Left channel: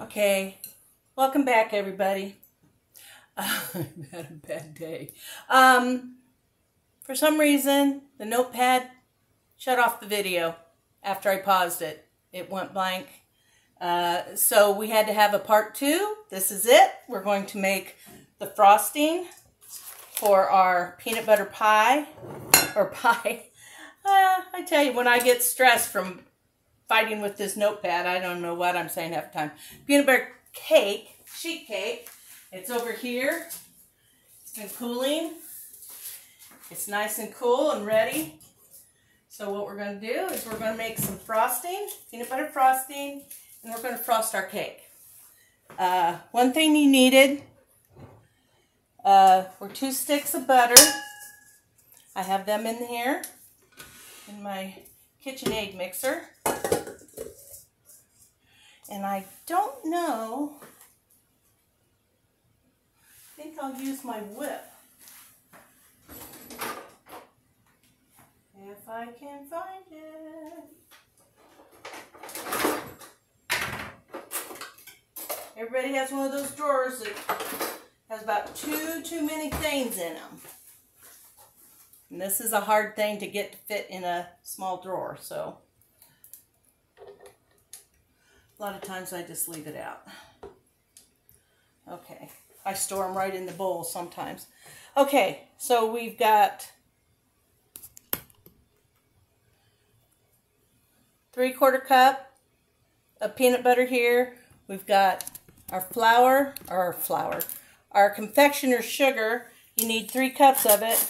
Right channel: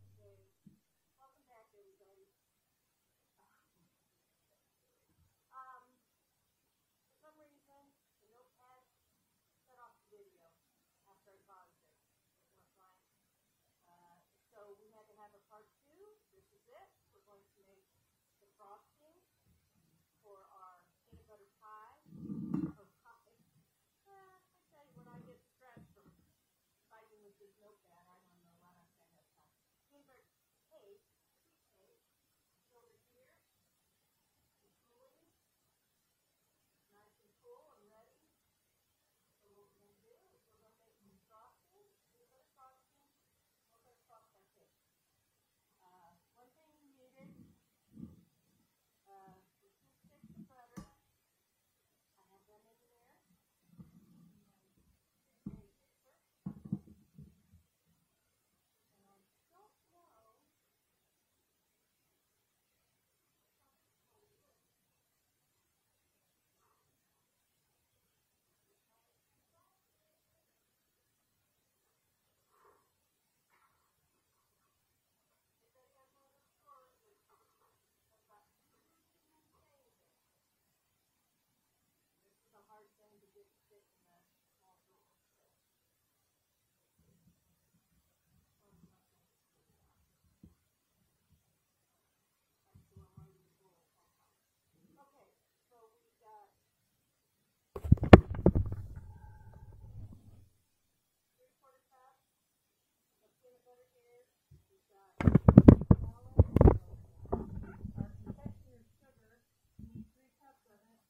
Okay, welcome back, everybody. I've had a bad day. For some reason, the notepad shut off the video after I paused it. It went blank. So we had to have a part 2. This is it. We're going to make the frosting for our peanut butter pie. I tell you, when I get stressed from fighting with this notepad, I don't know what I'm saying half the time. Peanut butter cake, sheet cake. It's over here. It's been cooling. It's nice and cool and ready. So what we're going to do is we're going to make some frosting, peanut butter frosting, and we're going to frost our cake. One thing you needed were 2 sticks of butter. I have them in here in my KitchenAid mixer. And I don't know, I think I'll use my whip. If I can find it. Everybody has one of those drawers that has about too many things in them. And this is a hard thing to get to fit in a small drawer, so a lot of times I just leave it out. Okay, I store them right in the bowl sometimes. Okay, so we've got 3/4 cup of peanut butter here. We've got our confectioner's sugar. You need 3 cups of it,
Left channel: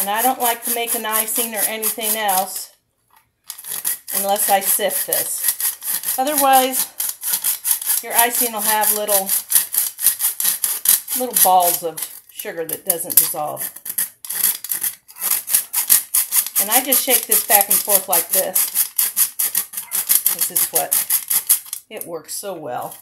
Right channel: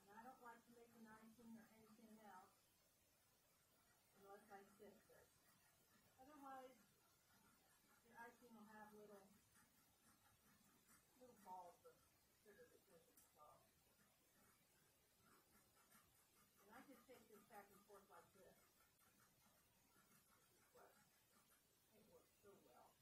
and I don't like to make an icing or anything else unless I sift this. Otherwise, your icing will have little balls of sugar that doesn't dissolve. And I just shake this back and forth like this. This is what, it works so well.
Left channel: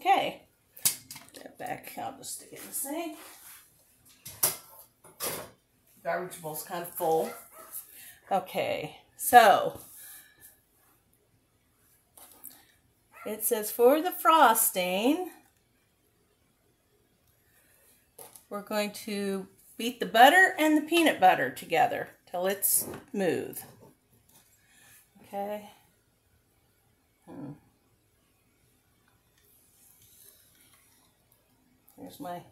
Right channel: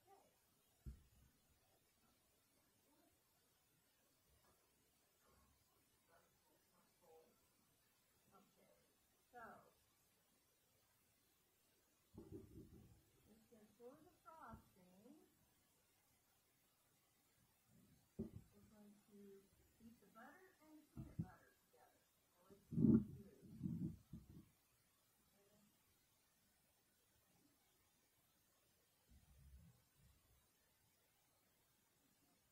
Okay, that back, I'll just stick it in the sink. Garbage bowl's kind of full. Okay, so it says for the frosting, we're going to beat the butter and the peanut butter together till it's smooth. Okay. Here's my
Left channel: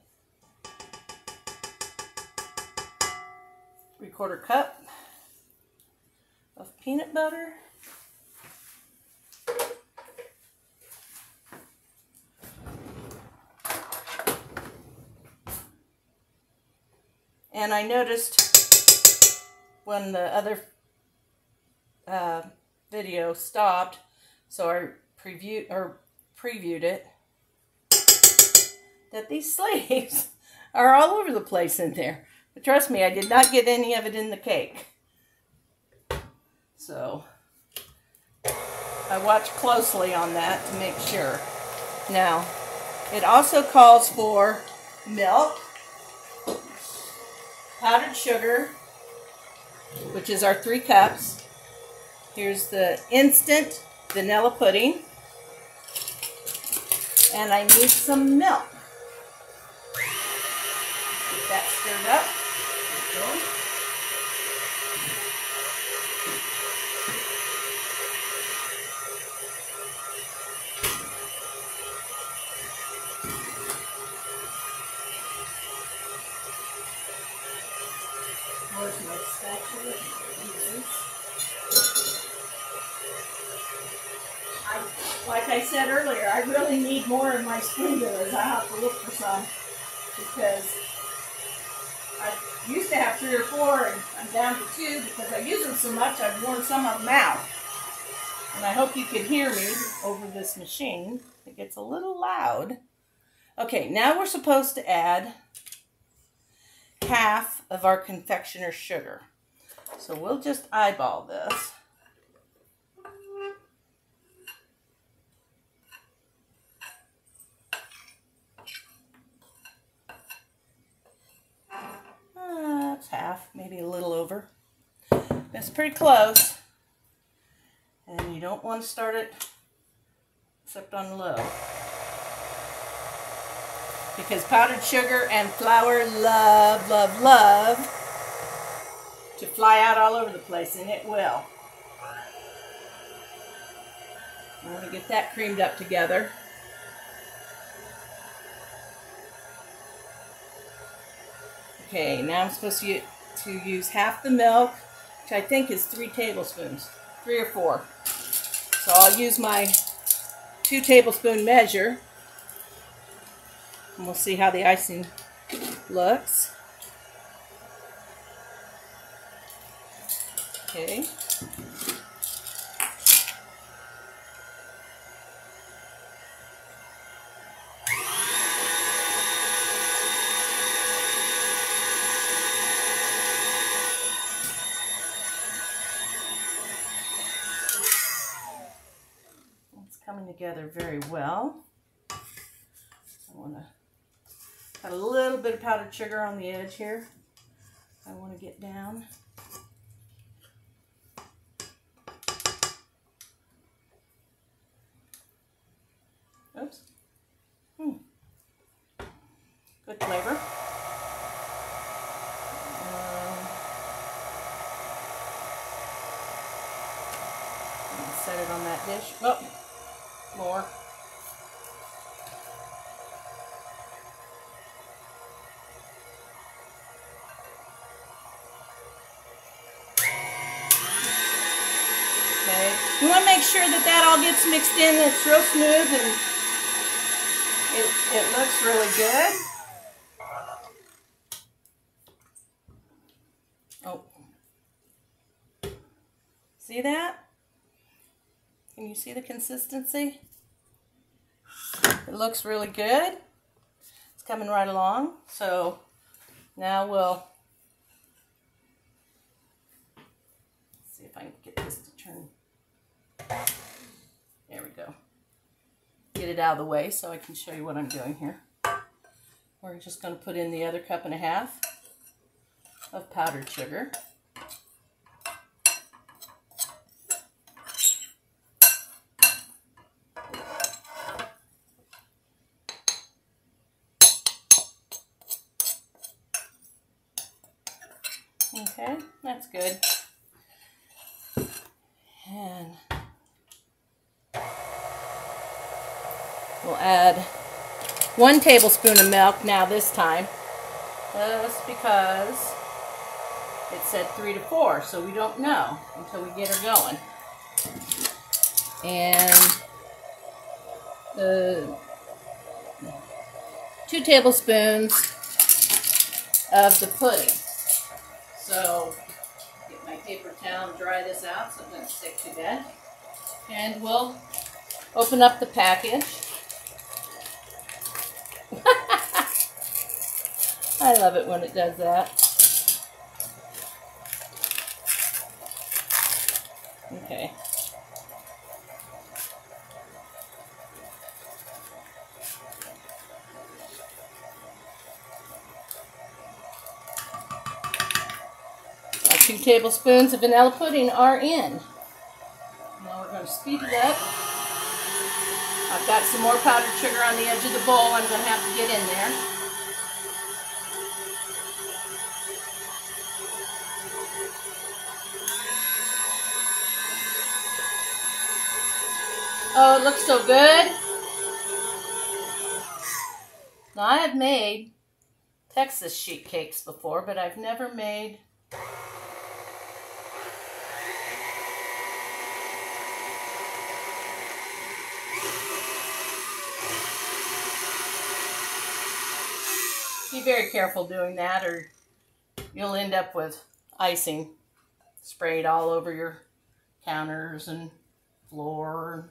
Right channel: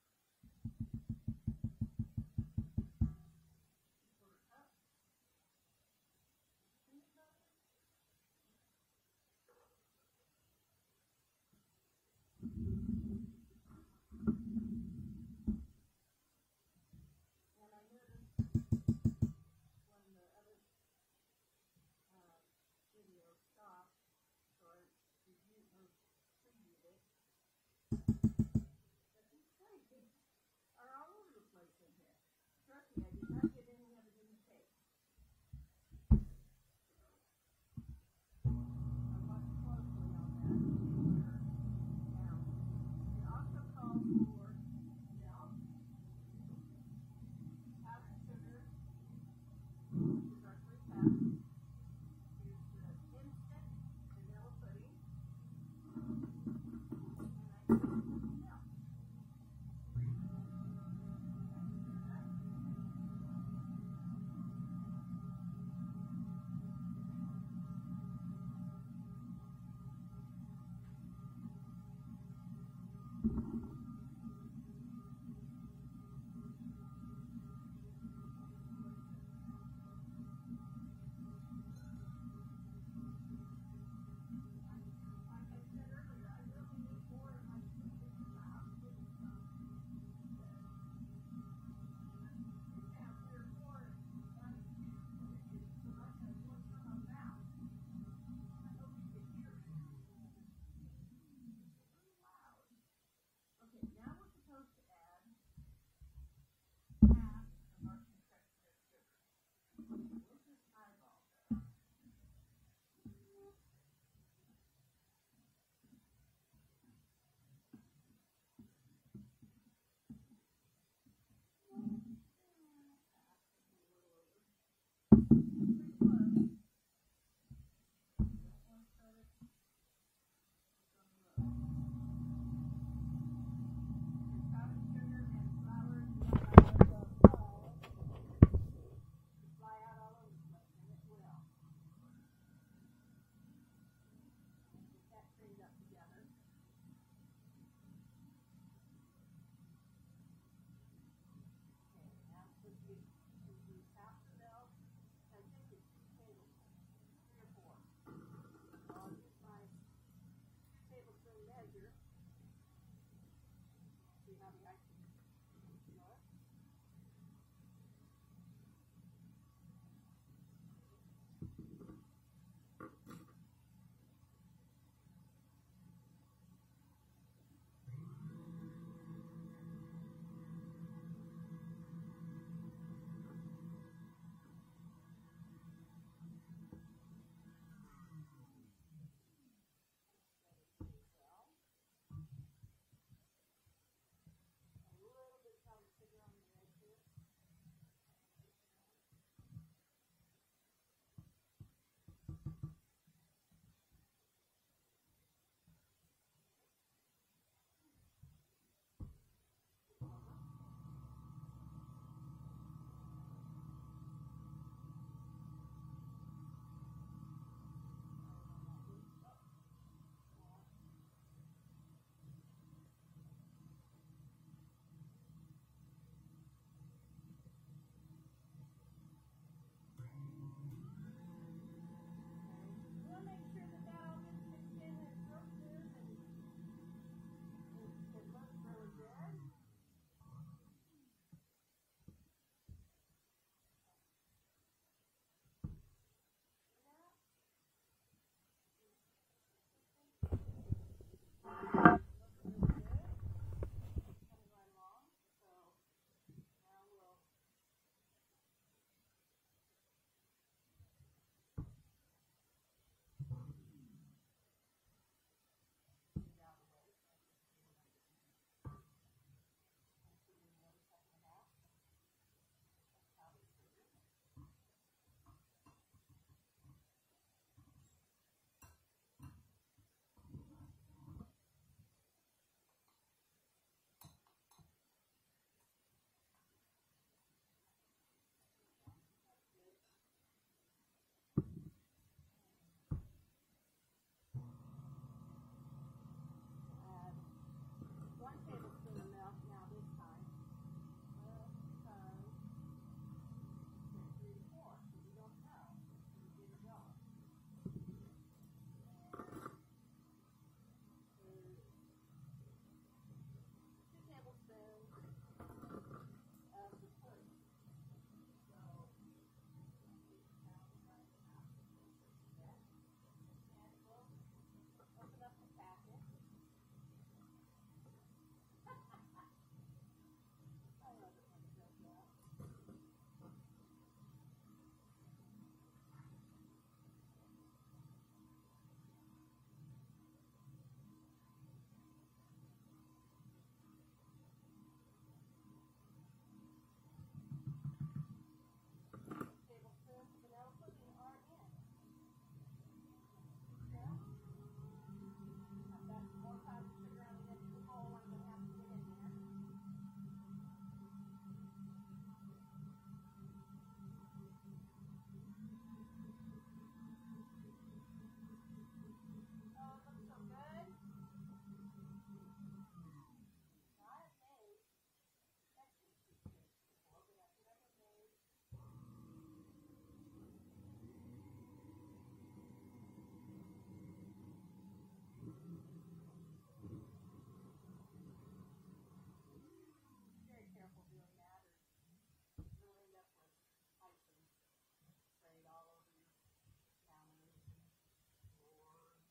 3/4 cup of peanut butter. And I noticed when the other video stopped, so I previewed it, that these sleeves are all over the place in there. But trust me, I did not get any of it in the cake. So I watched closely on that to make sure. Now, it also calls for milk, powdered sugar, which is our 3 cups. Here's the instant vanilla pudding. And I need some milk. Get that stirred up. Where's my spatula? Like I said earlier, I really need more of my spatulas. I have to look for some because I used to have 3 or 4 and I'm down to 2 because I use them so much I've worn some of them out. And I hope you can hear me over this machine. It gets a little loud. Okay, now we're supposed to add half of our confectioner's sugar. So we'll just eyeball this. It's pretty close. And you don't want to start it except on low. Because powdered sugar and flour love, love, love to fly out all over the place, and it will. I want to get that creamed up together. Okay, now I'm supposed to use half the milk, which I think is 3 tablespoons, 3 or 4. So I'll use my 2 tablespoon measure, and we'll see how the icing looks. Okay. Coming together very well. I want to add a little bit of powdered sugar on the edge here. I want to get down. Oops. Good flavor. Set it on that dish. Oh. More. Okay. You want to make sure that all gets mixed in. It's real smooth and it looks really good. Oh. See that? Can you see the consistency? It looks really good. It's coming right along. So now we'll see if I can get this to turn. There we go. Get it out of the way so I can show you what I'm doing here. We're just going to put in the other 1.5 cups of powdered sugar. Okay, that's good. And we'll add 1 tablespoon of milk now this time, just because it said 3 to 4, so we don't know until we get her going. And the 2 tablespoons of the pudding. So, get my paper towel and dry this out so it doesn't stick too bad. And we'll open up the package. I love it when it does that. Okay. Our 2 tablespoons of vanilla pudding are in. Now we're going to speed it up. I've got some more powdered sugar on the edge of the bowl I'm going to have to get in there. Oh, it looks so good. Now, I have made Texas sheet cakes before, but I've never made be very careful doing that or you'll end up with icing sprayed all over your counters and floor.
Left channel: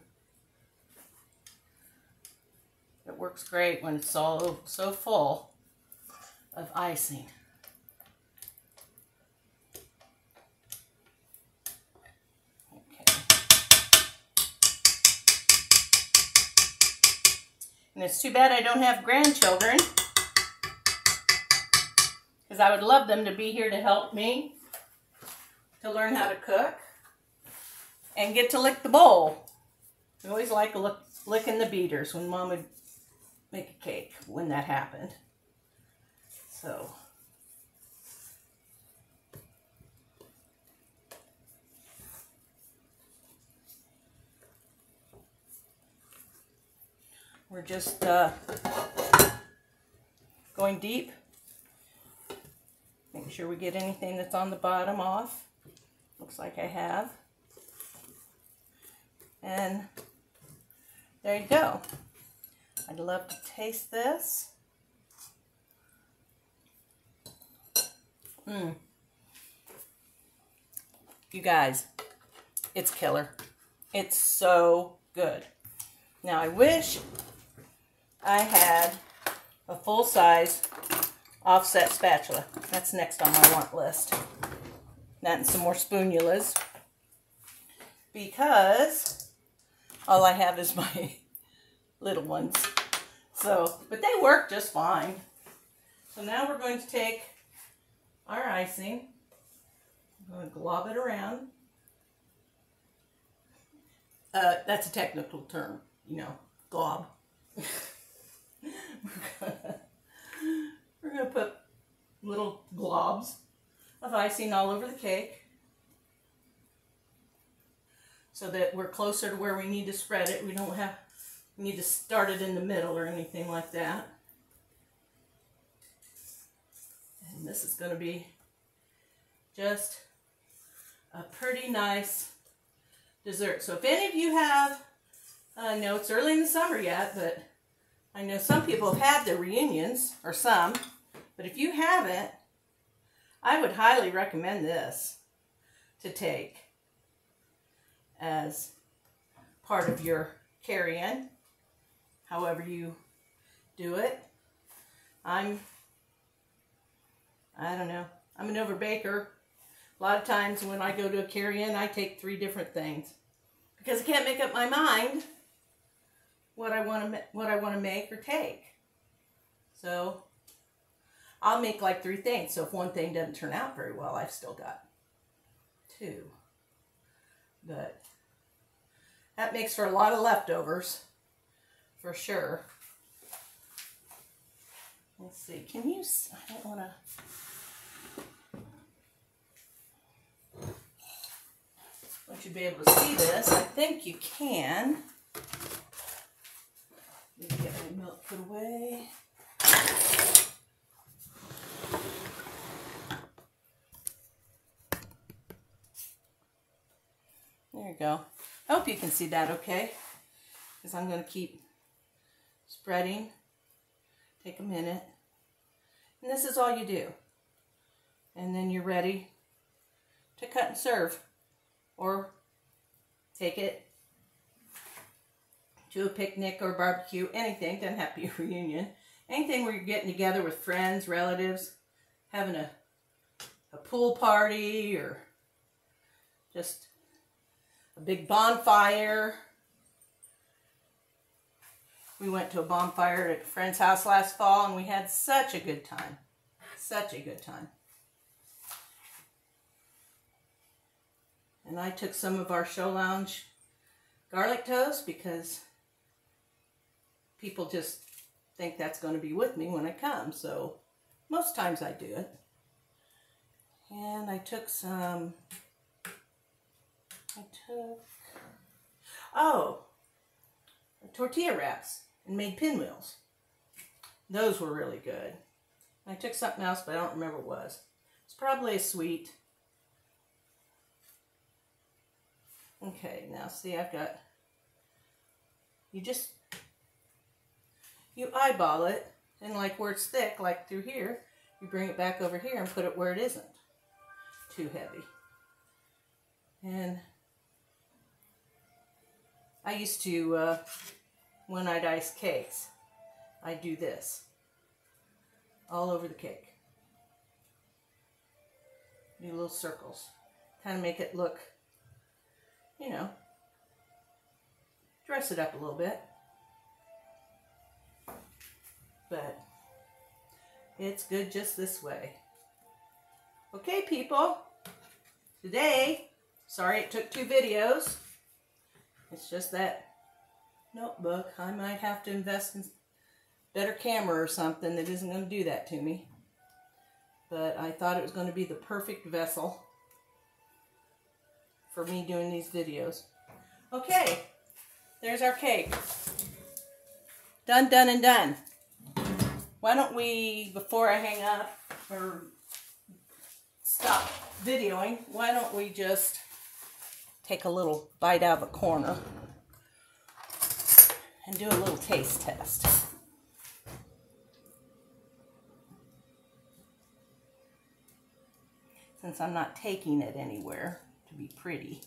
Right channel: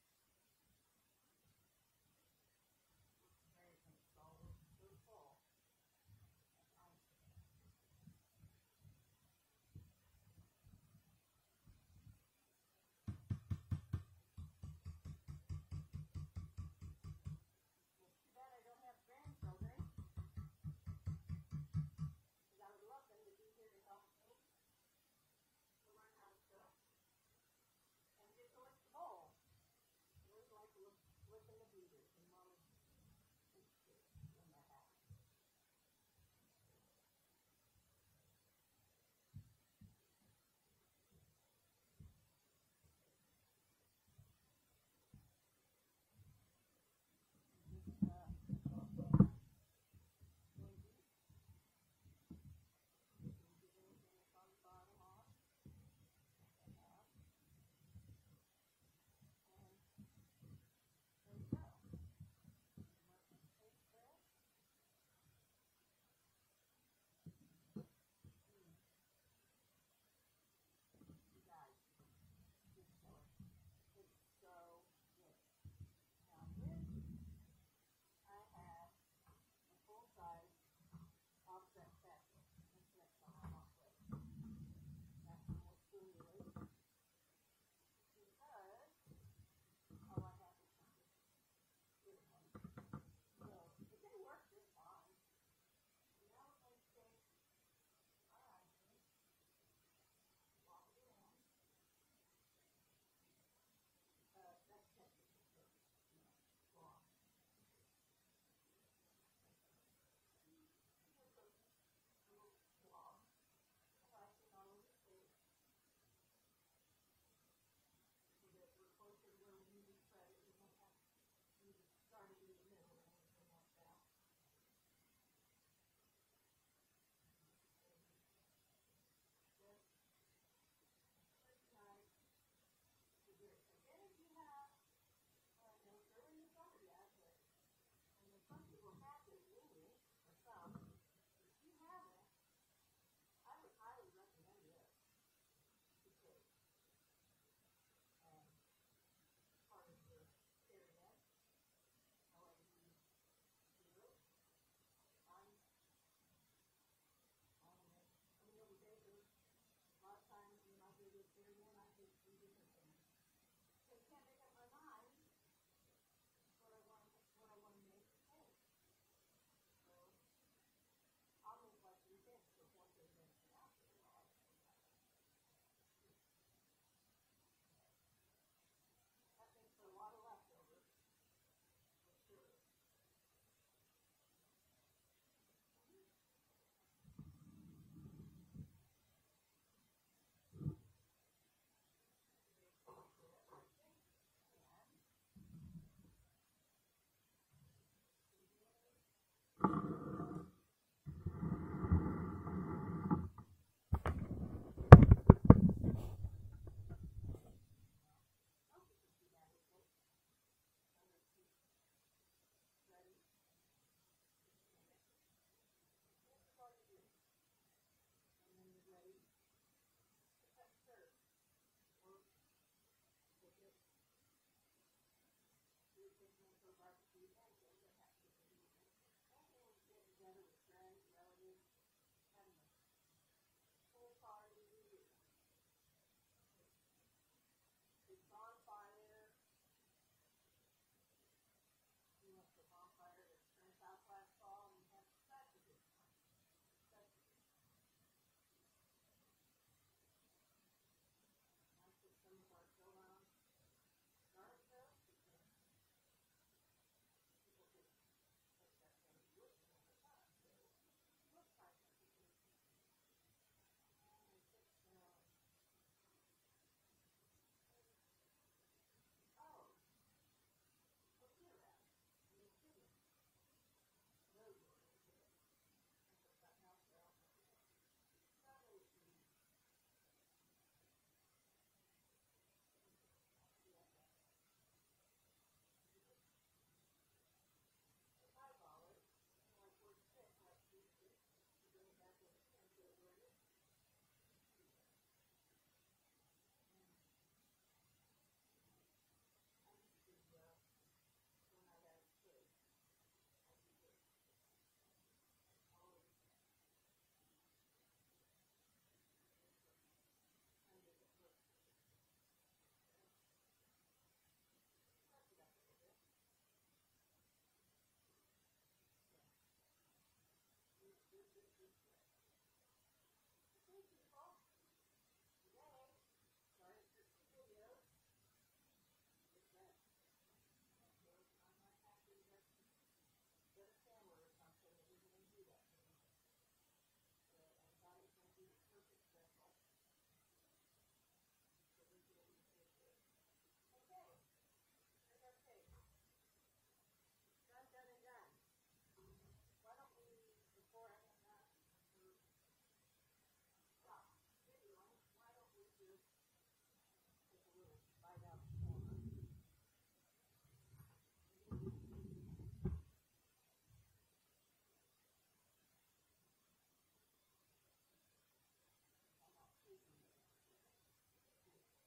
It works great when it's all so full of icing. Okay. And it's too bad I don't have grandchildren, because I would love them to be here to help me. to learn how to cook and get to lick the bowl. I always like licking the beaters when Mom would make a cake when that happened. So we're just going deep. Make sure we get anything that's on the bottom off. Looks like I have. And there you go. I'd love to taste this. You guys, it's killer. It's so good. Now I wish I had a full-size offset spatula. That's next on my want list. That and some more spoonulas. Because all I have is my little ones. So, but they work just fine. So now we're going to take our icing. I'm going to glob it around. That's a technical term, you know, glob. We're going to put little globs of icing all over the cake so that we're closer to where we need to spread it. We need to start it in the middle or anything like that. And this is going to be just a pretty nice dessert. So if any of you have, I know it's early in the summer yet, but I know some people have had their reunions, or some, but if you haven't, I would highly recommend this to take as part of your carry-in, however you do it. I don't know, I'm an overbaker. A lot of times when I go to a carry-in, I take 3 different things because I can't make up my mind what I want to make or take. So I'll make like 3 things. So if one thing doesn't turn out very well, I've still got 2. But that makes for a lot of leftovers, for sure. Let's see. Can you? I don't want to. Want you to be able to see this. I think you can. Let me get my milk put away. There you go. I hope you can see that okay, because I'm going to keep spreading. Take a minute. And this is all you do. And then you're ready to cut and serve. Or take it to a picnic or barbecue, anything, doesn't have to be a reunion. Anything where you're getting together with friends, relatives, having a pool party, or just a big bonfire. We went to a bonfire at a friend's house last fall and we had such a good time. Such a good time. And I took some of our Show Lounge garlic toast because people just think that's going to be with me when I come. So most times I do it. And I took some, tortilla wraps and made pinwheels. Those were really good. I took something else, but I don't remember what it was. It's probably a sweet. Okay, now see, I've got, you eyeball it, and like where it's thick, like through here, you bring it back over here and put it where it isn't too heavy. And I used to, when I'd ice cakes, I'd do this all over the cake. Do little circles, kind of make it look, you know, dress it up a little bit. But it's good just this way. Okay, people, today, sorry it took 2 videos. It's just that notebook. I might have to invest in better camera or something that isn't going to do that to me. But I thought it was going to be the perfect vessel for me doing these videos. Okay, there's our cake. Done, done, and done. Why don't we, before I hang up or stop videoing, why don't we just take a little bite out of a corner and do a little taste test. Since I'm not taking it anywhere to be pretty.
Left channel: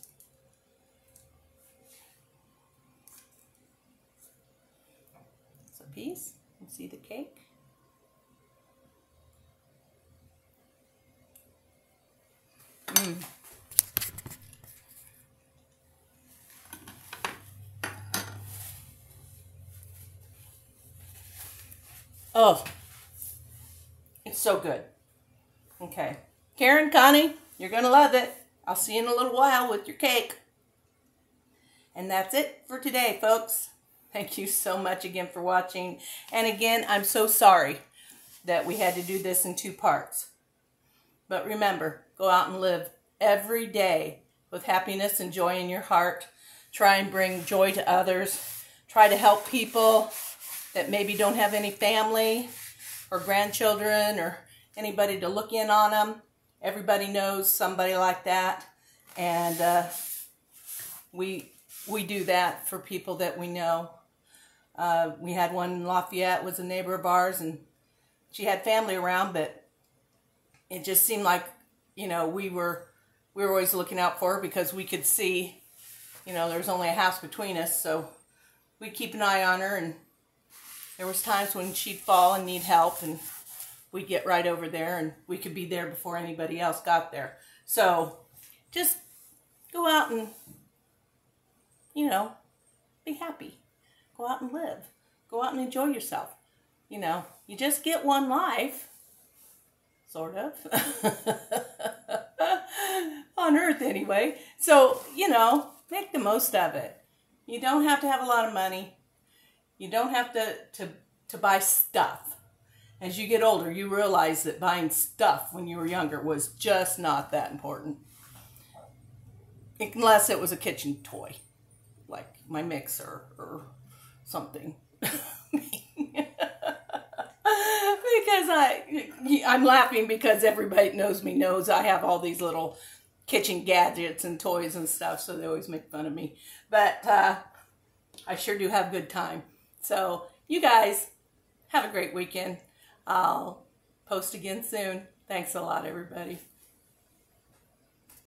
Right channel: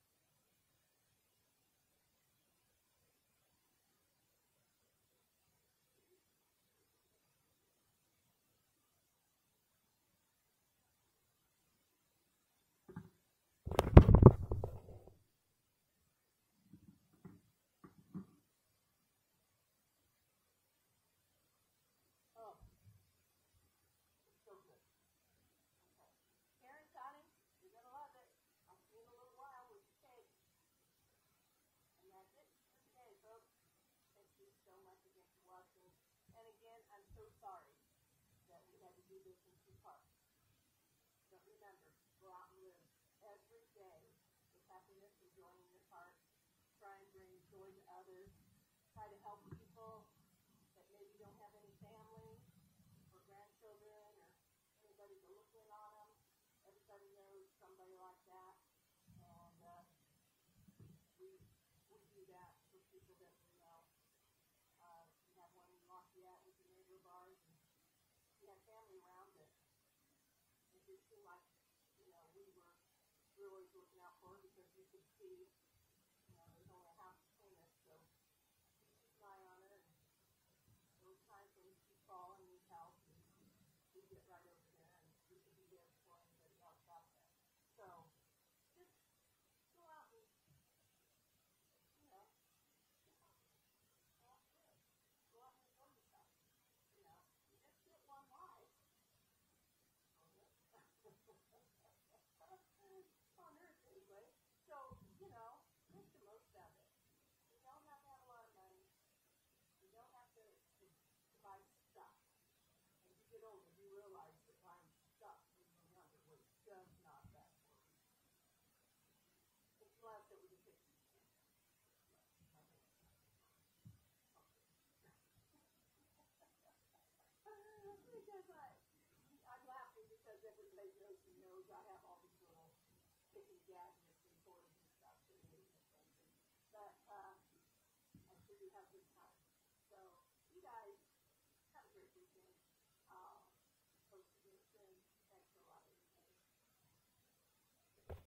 It's a piece. You see the cake? Oh, it's so good. Okay. Karen, Connie, you're going to love it. I'll see you in a little while with your cake. And that's it for today, folks. Thank you so much again for watching. And again, I'm so sorry that we had to do this in 2 parts. But remember, go out and live every day with happiness and joy in your heart. Try and bring joy to others. Try to help people that maybe don't have any family or grandchildren or anybody to look in on them. Everybody knows somebody like that. And we do that for people that we know. We had one in Lafayette, was a neighbor of ours, and she had family around, but it just seemed like, you know, we were always looking out for her because we could see, you know, there was only a house between us, so we'd keep an eye on her, and there was times when she'd fall and need help, and we'd get right over there, and we could be there before anybody else got there. So just go out and, you know, be happy. Go out and live. Go out and enjoy yourself. You know, you just get one life. Sort of. On Earth, anyway. So, you know, make the most of it. You don't have to have a lot of money. You don't have to buy stuff. As you get older, you realize that buying stuff when you were younger was just not that important. Unless it was a kitchen toy, like my mixer or something. Because I'm laughing because everybody that knows me knows I have all these little kitchen gadgets and toys and stuff, so they always make fun of me. But I sure do have a good time. So you guys have a great weekend. I'll post again soon. Thanks a lot, everybody.